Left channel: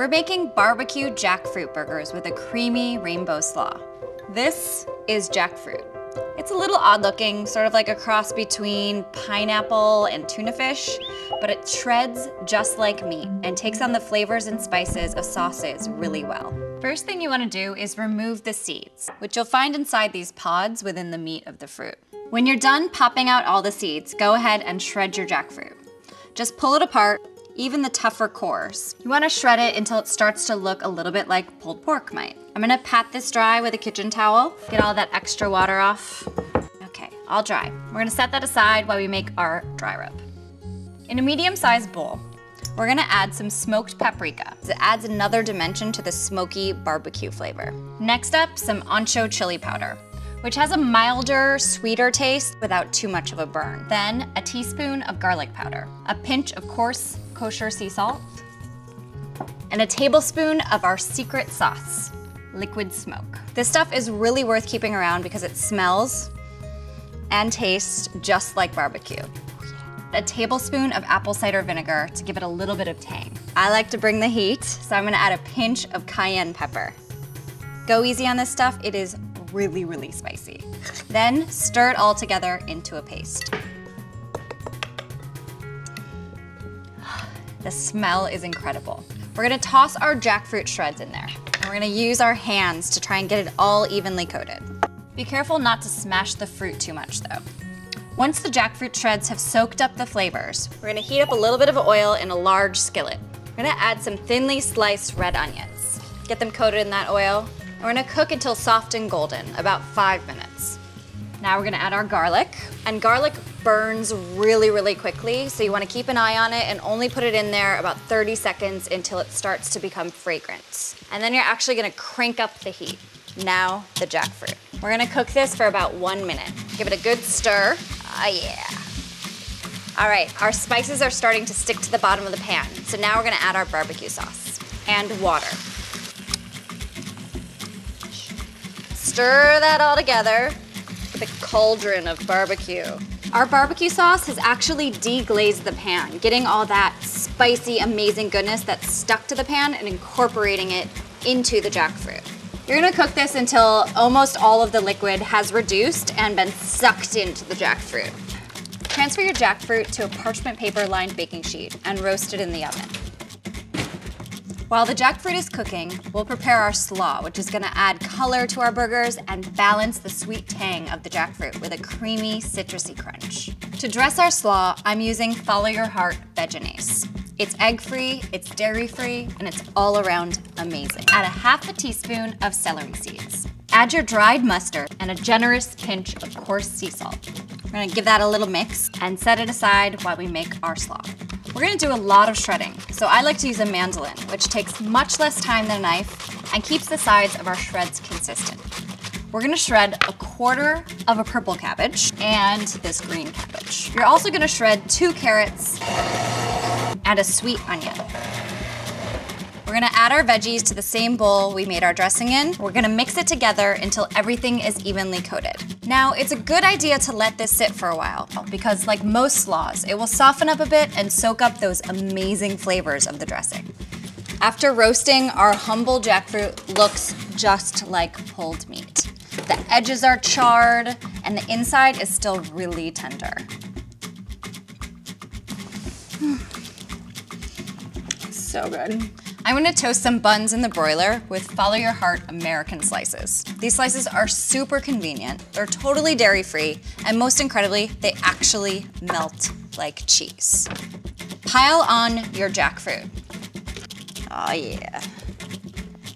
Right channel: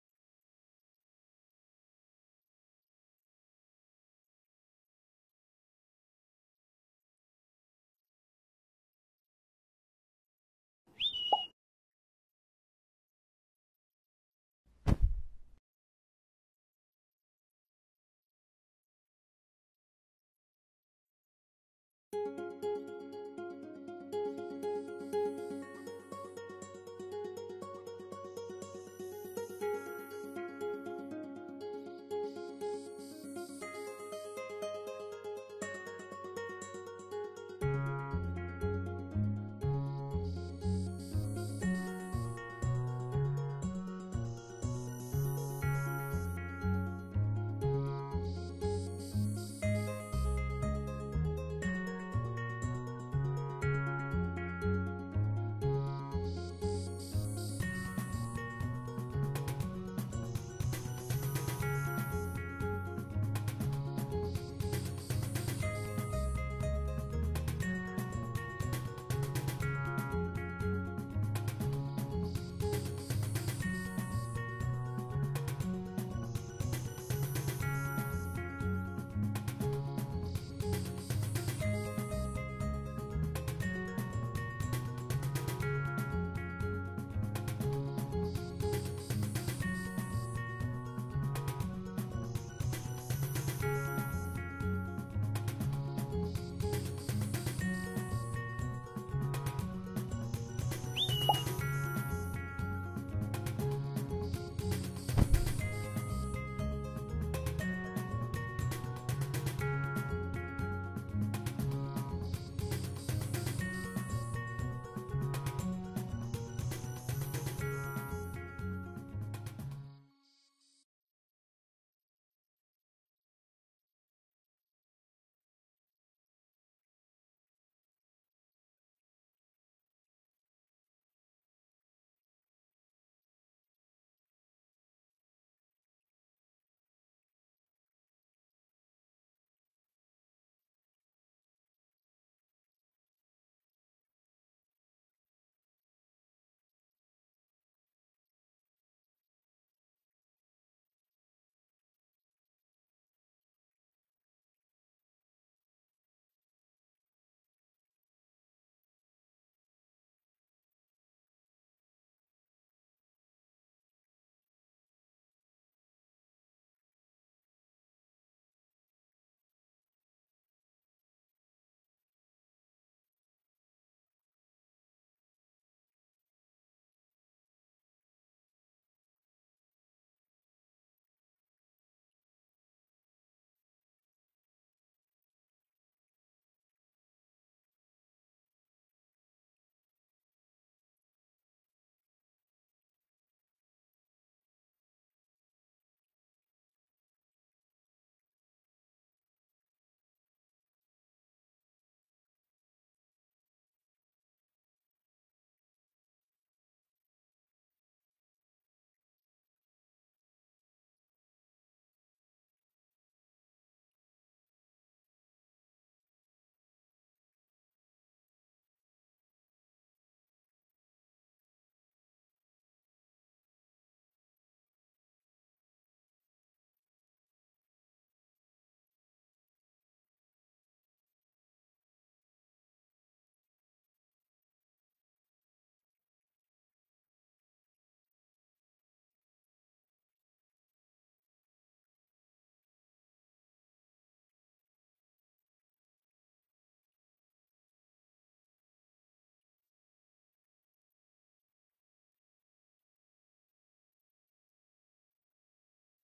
We're making barbecue jackfruit burgers with a creamy rainbow slaw. This is jackfruit. It's a little odd looking, sort of like a cross between pineapple and tuna fish, but it shreds just like meat and takes on the flavors and spices of sauces really well. First thing you want to do is remove the seeds, which you'll find inside these pods within the meat of the fruit. When you're done popping out all the seeds, go ahead and shred your jackfruit. Just pull it apart, even the tougher cores. You want to shred it until it starts to look a little bit like pulled pork might. I'm gonna pat this dry with a kitchen towel, get all that extra water off. Okay, all dry. We're gonna set that aside while we make our dry rub. In a medium-sized bowl, we're gonna add some smoked paprika. It adds another dimension to the smoky barbecue flavor. Next up, some ancho chili powder, which has a milder, sweeter taste without too much of a burn. Then a teaspoon of garlic powder, a pinch of coarse kosher sea salt, and a tablespoon of our secret sauce, liquid smoke. This stuff is really worth keeping around because it smells and tastes just like barbecue. A tablespoon of apple cider vinegar to give it a little bit of tang. I like to bring the heat, so I'm gonna add a pinch of cayenne pepper. Go easy on this stuff, it is really, really spicy. Then stir it all together into a paste. The smell is incredible. We're gonna toss our jackfruit shreds in there. And we're gonna use our hands to try and get it all evenly coated. Be careful not to smash the fruit too much though. Once the jackfruit shreds have soaked up the flavors, we're gonna heat up a little bit of oil in a large skillet. We're gonna add some thinly sliced red onions. Get them coated in that oil. We're gonna cook until soft and golden, about 5 minutes. Now we're gonna add our garlic. And garlic burns really, really quickly, so you wanna keep an eye on it and only put it in there about 30 seconds until it starts to become fragrant. And then you're actually gonna crank up the heat. Now, the jackfruit. We're gonna cook this for about 1 minute. Give it a good stir. Ah, yeah. All right, our spices are starting to stick to the bottom of the pan, so now we're gonna add our barbecue sauce and water. Stir that all together. The cauldron of barbecue. Our barbecue sauce has actually deglazed the pan, getting all that spicy, amazing goodness that's stuck to the pan and incorporating it into the jackfruit. You're gonna cook this until almost all of the liquid has reduced and been sucked into the jackfruit. Transfer your jackfruit to a parchment paper lined baking sheet and roast it in the oven. While the jackfruit is cooking, we'll prepare our slaw, which is gonna add color to our burgers and balance the sweet tang of the jackfruit with a creamy, citrusy crunch. To dress our slaw, I'm using Follow Your Heart veggies. It's egg-free, it's dairy-free, and it's all around amazing. Add a half a teaspoon of celery seeds. Add your dried mustard and a generous pinch of coarse sea salt. We're gonna give that a little mix and set it aside while we make our slaw. We're gonna do a lot of shredding, so I like to use a mandolin, which takes much less time than a knife and keeps the sides of our shreds consistent. We're gonna shred a quarter of a purple cabbage and this green cabbage. You're also gonna shred 2 carrots and a sweet onion. We're gonna add our veggies to the same bowl we made our dressing in. We're gonna mix it together until everything is evenly coated. Now, it's a good idea to let this sit for a while because like most slaws, it will soften up a bit and soak up those amazing flavors of the dressing. After roasting, our humble jackfruit looks just like pulled meat. The edges are charred and the inside is still really tender. So good. I'm gonna toast some buns in the broiler with Follow Your Heart American slices. These slices are super convenient, they're totally dairy-free, and most incredibly, they actually melt like cheese. Pile on your jackfruit. Oh yeah.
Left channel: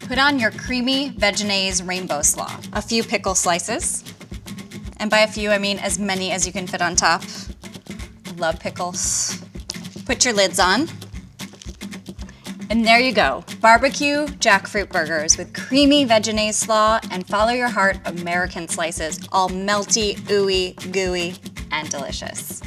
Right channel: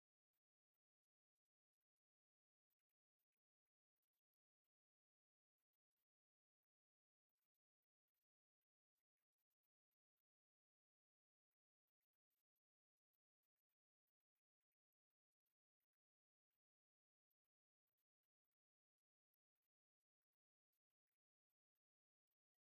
Put on your creamy veggies rainbow slaw. A few pickle slices. And by a few, I mean as many as you can fit on top. Love pickles. Put your lids on. And there you go, barbecue jackfruit burgers with creamy veggies slaw and Follow Your Heart American slices, all melty, ooey, gooey, and delicious.